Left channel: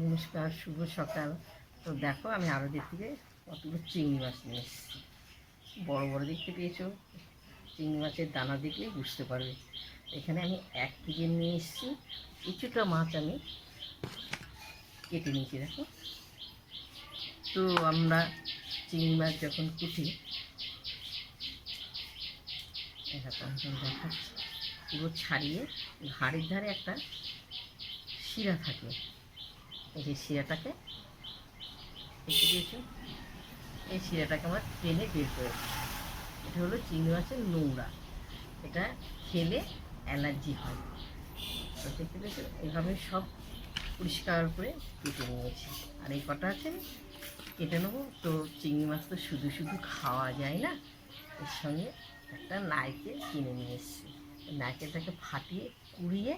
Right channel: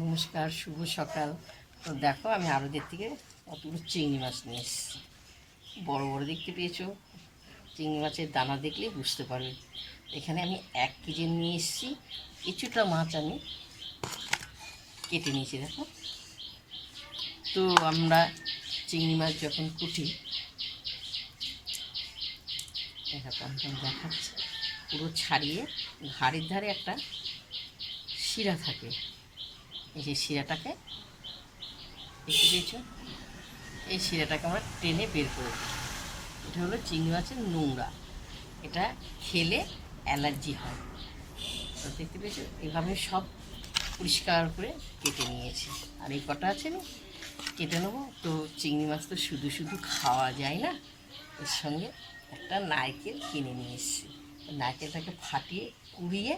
নমস্কার, শুভ সকাল। তো দেখো, আমি আড়তের থেকে কতগুলো চিংড়ি মাছ নিয়ে এসেছি। বড় বড় দেখতে পেয়েছো। চিংড়ি মাছের দানা দেখলেই বুঝতে পারবে। এখানে আমি 1 কেজি নিয়ে এসেছি। কিছুটা মাছ আমি কেটে নিয়েছি, দেখো। তো আমরা চিংড়ি মাছ যখন কুটি, এরকম দেখাচ্ছি, পুরো ছাড়িয়ে ঘাড়ের ধারে একটা শিরা থাকে। এই যে শিরাটাকে দেখতে পেয়েছো, এই শিরাটাকে আমরা টেনে বের করে দিই। এটা হলো চিংড়ি মাছের নোংরা। এটা খেলে অ্যালার্জি হয়। তো দেখতে পেয়েছো, এভাবে সব পরিষ্কার করে কেটে নিয়েছি। আর এই কটা আছে আমি কেটে নেবো। তো চিংড়ি মাছ তো শুধু শুধু খাওয়া যায় না, এর সঙ্গে একটা নারকেল কিনে নিয়ে এসেছি। নারকেলটাকে ফাটিয়ে কুড়িয়ে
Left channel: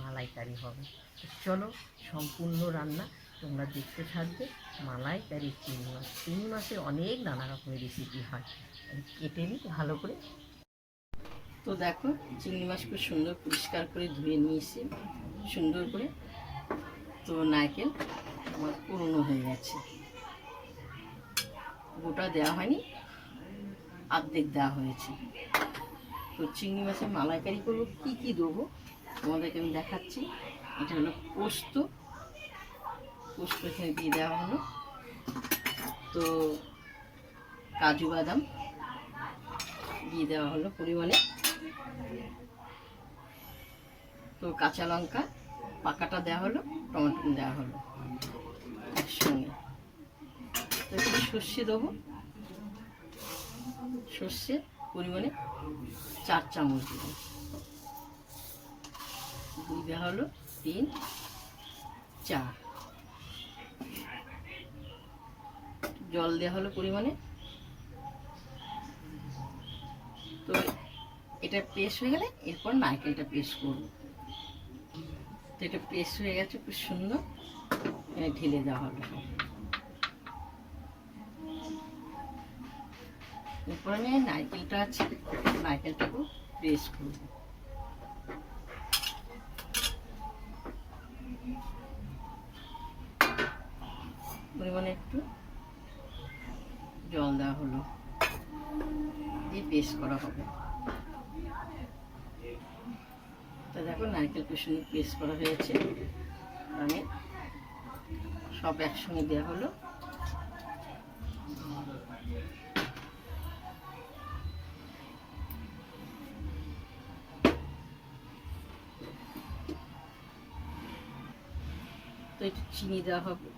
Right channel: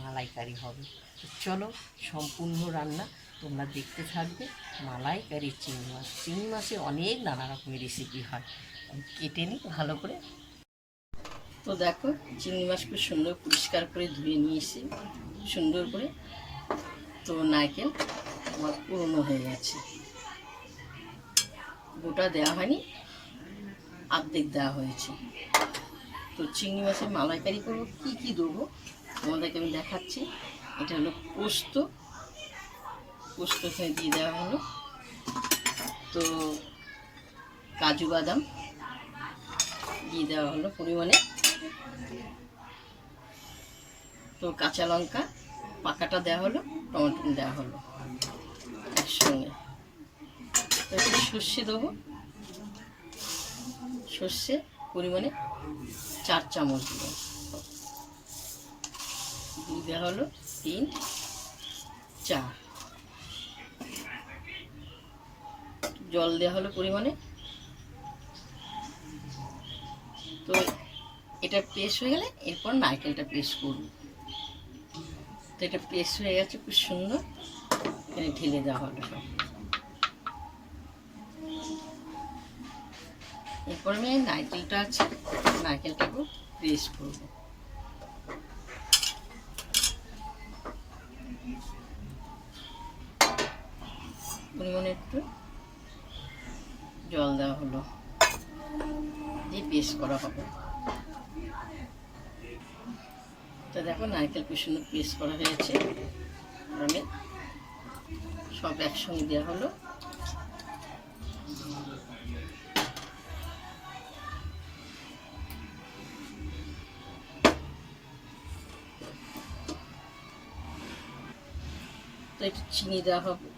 মালাইকারি হবে। চলো, সম্পূর্ণ রান্না তোমরা দেখতে থাকবে। মালাইকারি চিংড়ি মাছ। চিংড়ি মাছের অনেক নানা রকমের রেসিপি হয়। আমি কেটে নিই ভালো করে। তো দেখো, চিংড়ি মাছ খুব সুন্দর পরিষ্কার করে ধুয়ে নিয়ে এসেছি সুন্দর করে। তো নারকেল আমার পুরনো হয়ে গেছে, গোটা দেওয়া হয়নি, অর্ধেক দেওয়া হয়েছে। তো চিংড়ি মাছের মালাইকারি করবো, কী কী দেবো তোমাদেরকে আমি দেখাচ্ছি। এটা হলো পোস্ত। পোস্ত এখানে দিয়ে দেওয়া হলো। তো কাজু বাদাম দিয়ে দেওয়া হলো পরিমাণে। তো কাঁচা লঙ্কা পাকাটা দেওয়া হলো, টমেটো দেওয়া হলো একসঙ্গে। তো একটু সর্ষে দেবো, সর্ষে পরিমাণে 4 চামচ দেবো। দুই দেওয়া হলো 3, 4। জল দেওয়া হলো পরিমাণে। তো এটা পেস্ট হয়ে গেলে এরপর নারকেলটা পেস্ট করবো। তো এটা পেস্ট হয়ে গেছে খুব সুন্দর। এখানে ঢেলে দেওয়া হলো সব। এরপর আমি নারকেলটা আছে, নারকেলটাকেও পেস্ট করবো। পরিমাণে একটু জল দেওয়া হলো, দিয়ে পেস্ট করা হবে। তো দেখো, নারকেল খুব সুন্দর পেস্ট করা হয়েছে। আমি সব একসঙ্গে দেওয়া হলো। তো একটু চিনি দেওয়া হবে,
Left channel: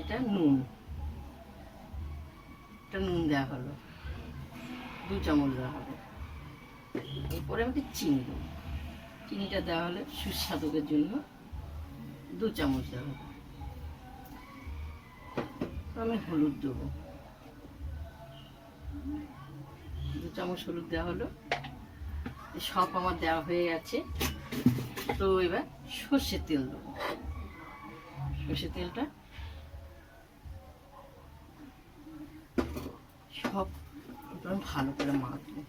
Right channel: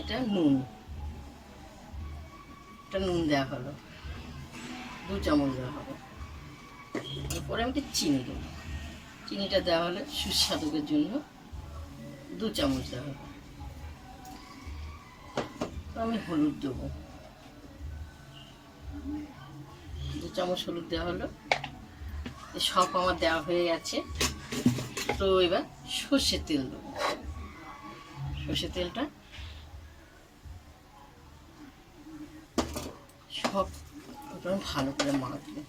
এটা নুন, এটা নুন দেওয়া হলো 2 চামচ দেওয়া হবে। এরপরে আমি চিনি দেবো। চিনিটা দেওয়া হলে সুস্বাদুর জন্য 2 চামচ দেওয়া হবে। তো আমি হলুদ দেবো, 2 চামচ হলুদ দেওয়া হলো। সব আমার দেওয়া হয়ে গেছে। তো এবার সর্ষের তেল দেবো। সর্ষের তেলটা সব ভালো করে মাখবো।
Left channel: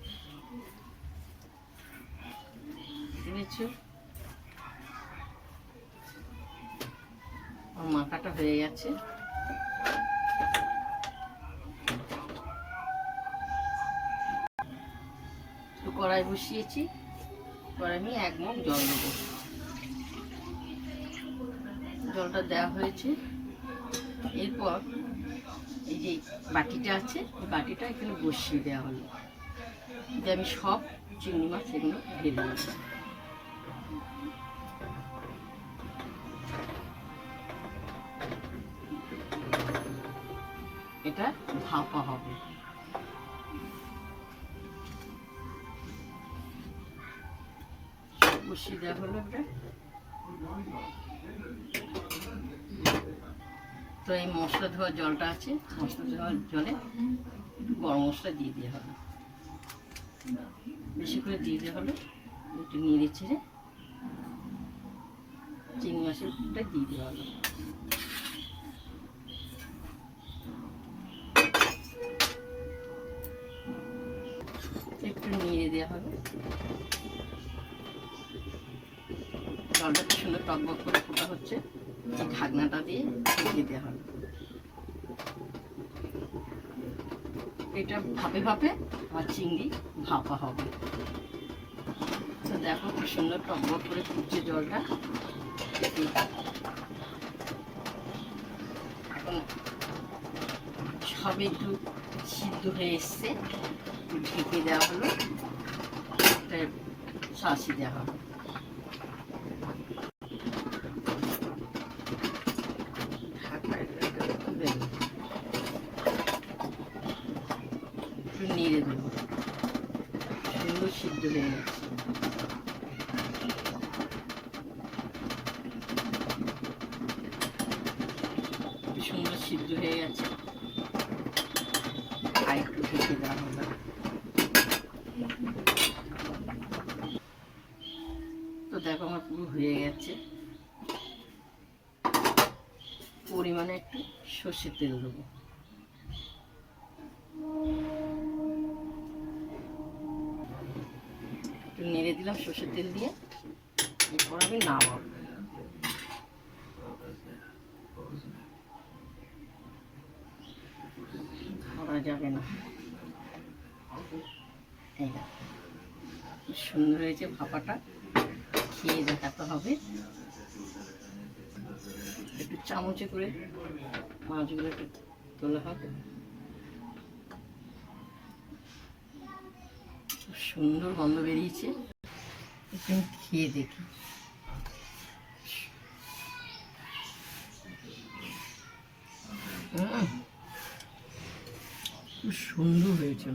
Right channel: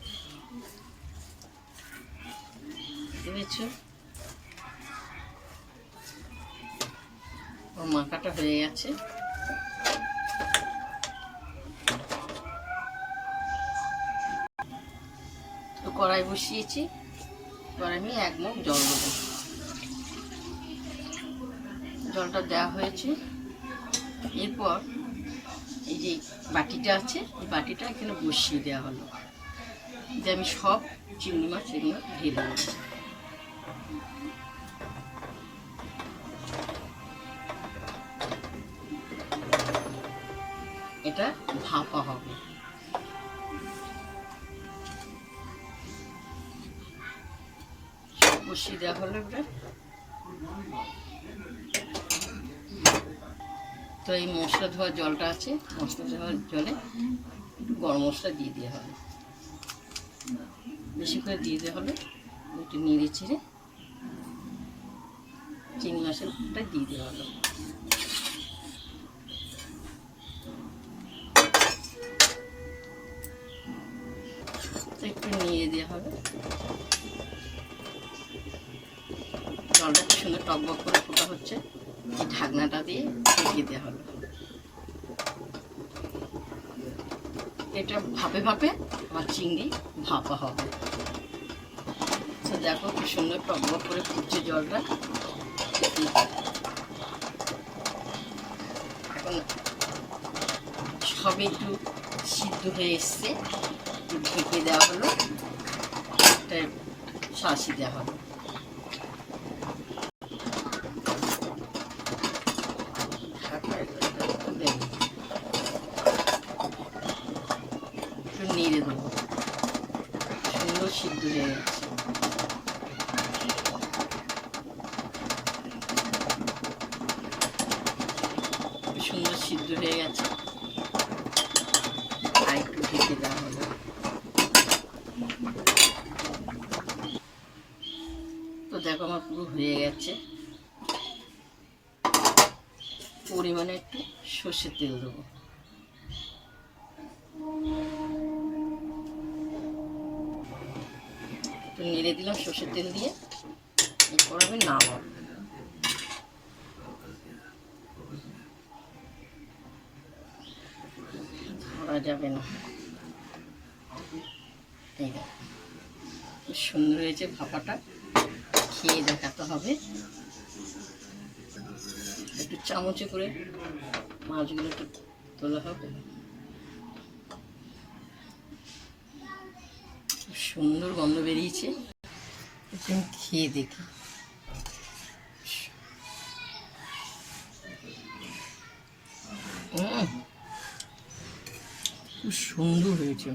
বুঝেছো, মাখাটা হয়ে গেছে। তো কড়াই বসিয়েছি, এবার আমি 1 মগ জল দেবো। জলটা দেওয়া হয়েছে। এরপর এই যে বাটিটা আছে, এই বাটিটা এখানে বসিয়ে দেওয়া হলো, যে আমি সব চিংড়ি মাছ এগুলো ঢেলে দেবো। এটা ভাপা হবে। সব বসিয়ে দেওয়া হলো এবার। তো এই মশলা ধোয়া জলটা আছে, মশলা ধোয়ার জলে গরম মশলা দিয়ে দেওয়া হলো, বেশি করে দিয়ে দেওয়া হলো। একটু নেড়ে চেড়ে চিংড়ি মাছটা দিয়ে দেওয়া হলো। তো একটু নিয়ে দেওয়া হবে। জলটা খুব সুন্দর টকবক করে ফোটা হচ্ছে। এই ঢাকনাটা দিয়ে ঢেকে দেওয়া হলো। এটা ভাপে ভাপে আমার চিংড়ি ভাপা হবে। তো দেখো কি সুন্দর টকবক করে ফুটছে জলটা। এখন সবে একটু সিদ্ধ হয়ে এসছে, ঢেকে দেওয়া হলো, একটা শাঁসি দেওয়া হলো। একটু নেড়ে দেবো, সুন্দর সিদ্ধ হয়ে গেছে। সুন্দর সিদ্ধ হয়ে গেছে, আর একটু ঢেকে দেওয়া হলো। তো দেখো আমার পুরো হয়ে গেছে। পরিমাণে একটু সর্ষের তেল দেবো। একটু নেড়ে দিলাম সর্ষের তেল দিয়ে, এরপর আমি নামাবো। ধরা যাবে না। এই দেখো সুন্দর হয়েছে ভাপাটা, খেয়ে দেখাতে হবে। একটু চামচে করে মাছগুলো একটু তোলা হবে। সুন্দর গন্ধ বেরিয়েছে, খেয়ে দেখি। খুব সুন্দর হয়েছে,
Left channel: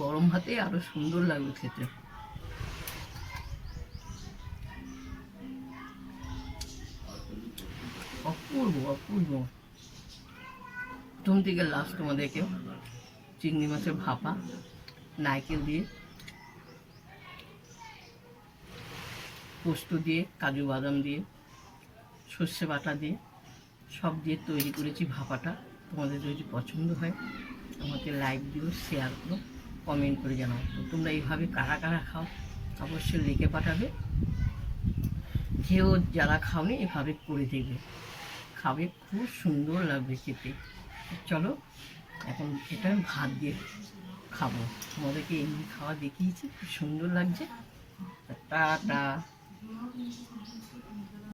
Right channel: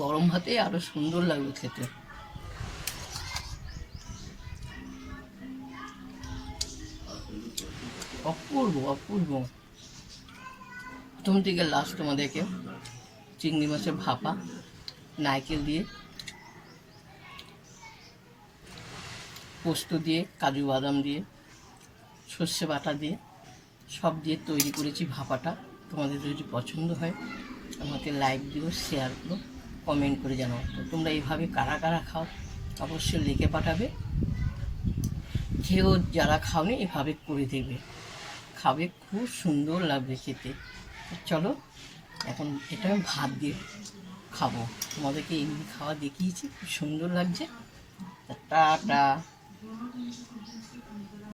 গরম ভাতে আরো সুন্দর লাগবে খেতে। অপূর্ব অপূর্ব। প্রথম থেকে লাস্ট তোমাদেরকে চিংড়ি মাছের ভাপা নারকেল দিয়ে, পোস্ত দিয়ে, কাজু বাদাম দিয়ে, সর্ষে বাটা দিয়ে, সব দিয়ে তৈরি করেছি ভাপাটা। তোমাদের যদি পছন্দ হয় আমাকে লাইক দিও, শেয়ার করো, কমেন্ট করে জানাও। তো তোমরা এইভাবে কারা কারা খাও অবশ্যই লিখে পাঠাবে। খেয়েও যারা খাওনি এভাবে করে দেবে, খাবে, খুব সুন্দর লাগবে খেতে। চলো এখন এটা আমি ভাত দিয়ে খাবো। তোমাদেরকে এমনি খাওয়া দেখিয়েছি, খুব সুন্দর লাগছে। টাটা।